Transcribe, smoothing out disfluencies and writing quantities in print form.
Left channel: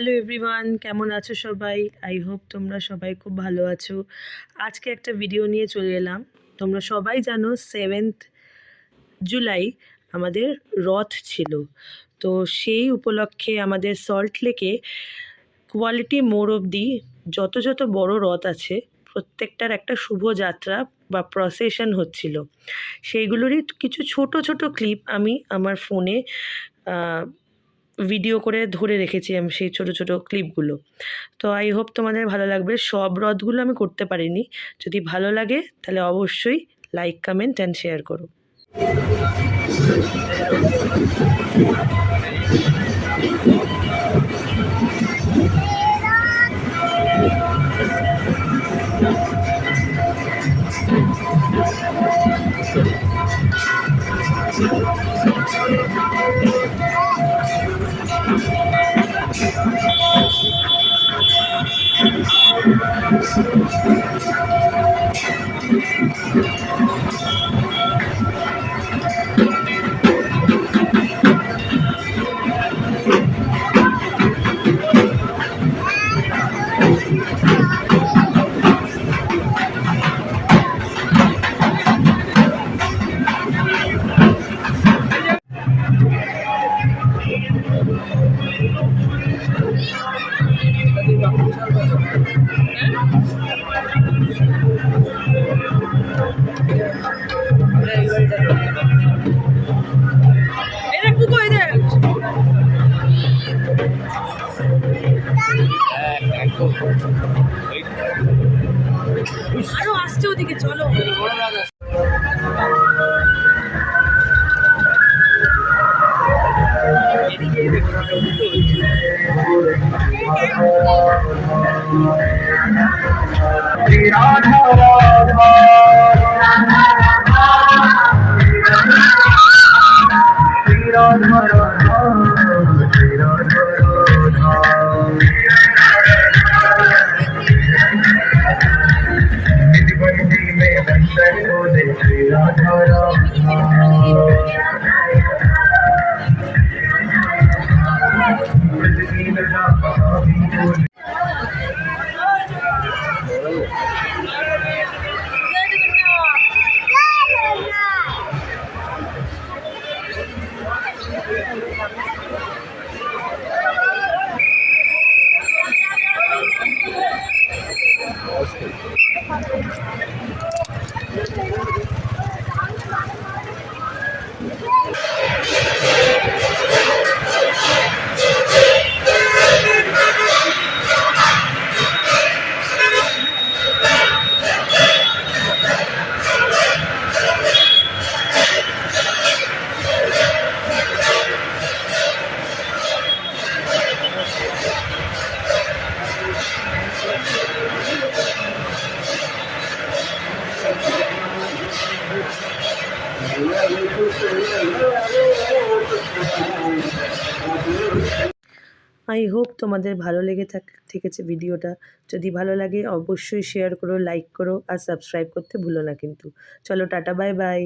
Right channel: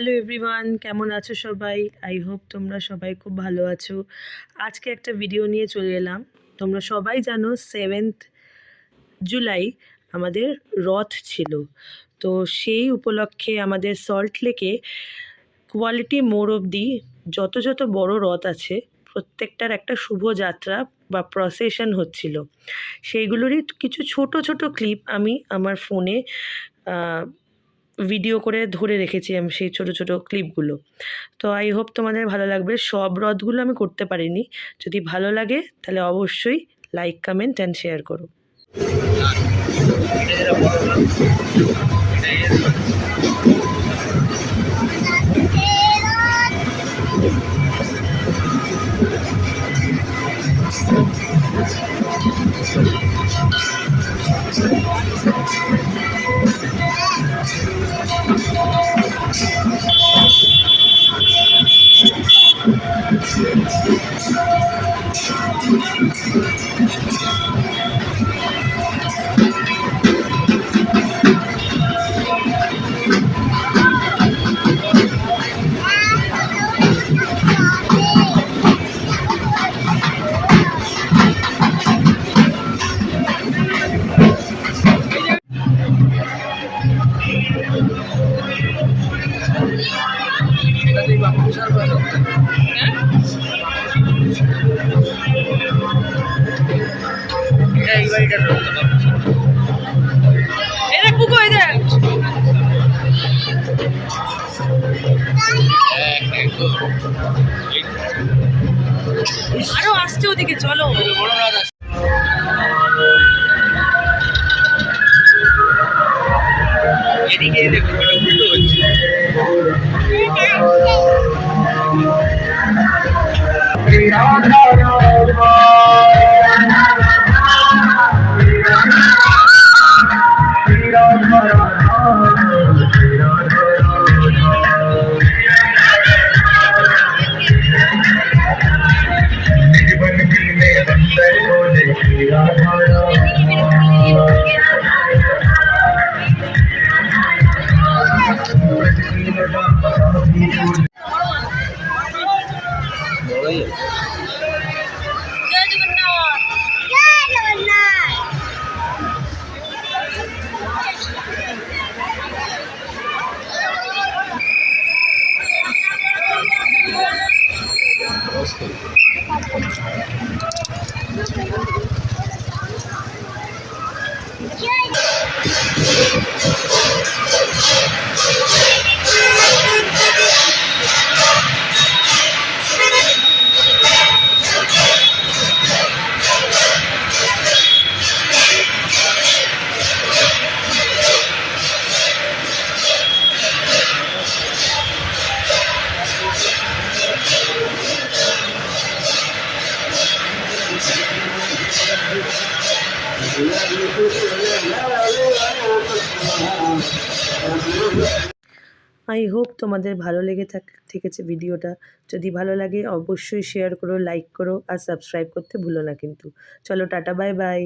Hello everyone, কেমন আছো সবাই? আই হোপ তোমরা সবাই খুব ভালো আছো। আজকে একটা ভিডিও নিয়ে চলে এলাম। তোমরা সবাই জানো 7th জুলাই আমাদের রথ ছিল। তো সেই উপলক্ষে আমাদের সল্ট লেকে কোয়ালিটি মোড় অবধি যত যত বড় রথ আছে প্রত্যেকটার একটা শুভযাত্রা বা প্রসেশন হচ্ছিল। সেইগুলোরই কিছু ছোট ছোট ক্লিপ আমি আমার ফোনে ভিডিও করে ধরে রেখেছি আমি সেই ছোট ছোট ক্লিপগুলো। তো আই হোপ তোমাদের ভালো লাগবে। সব রথগুলো আমি করতে পারিনি। যদি ভালো লাগে তাহলে অবশ্যই লাইক, কমেন্ট অ্যান্ড শেয়ার করো। আরো আসছে ওদিকে, চলো। এদিকে দেখো উল্টো হচ্ছে। আই হোপ তোমাদের ভালো লেগে থেকেছে ভিডিওটা। যদি ভালো লাগে অবশ্যই শেয়ার করো, লাইক করো আর সাবস্ক্রাইব করতে ভুলো না কিন্তু। চলো, টাটা, বাই বাই।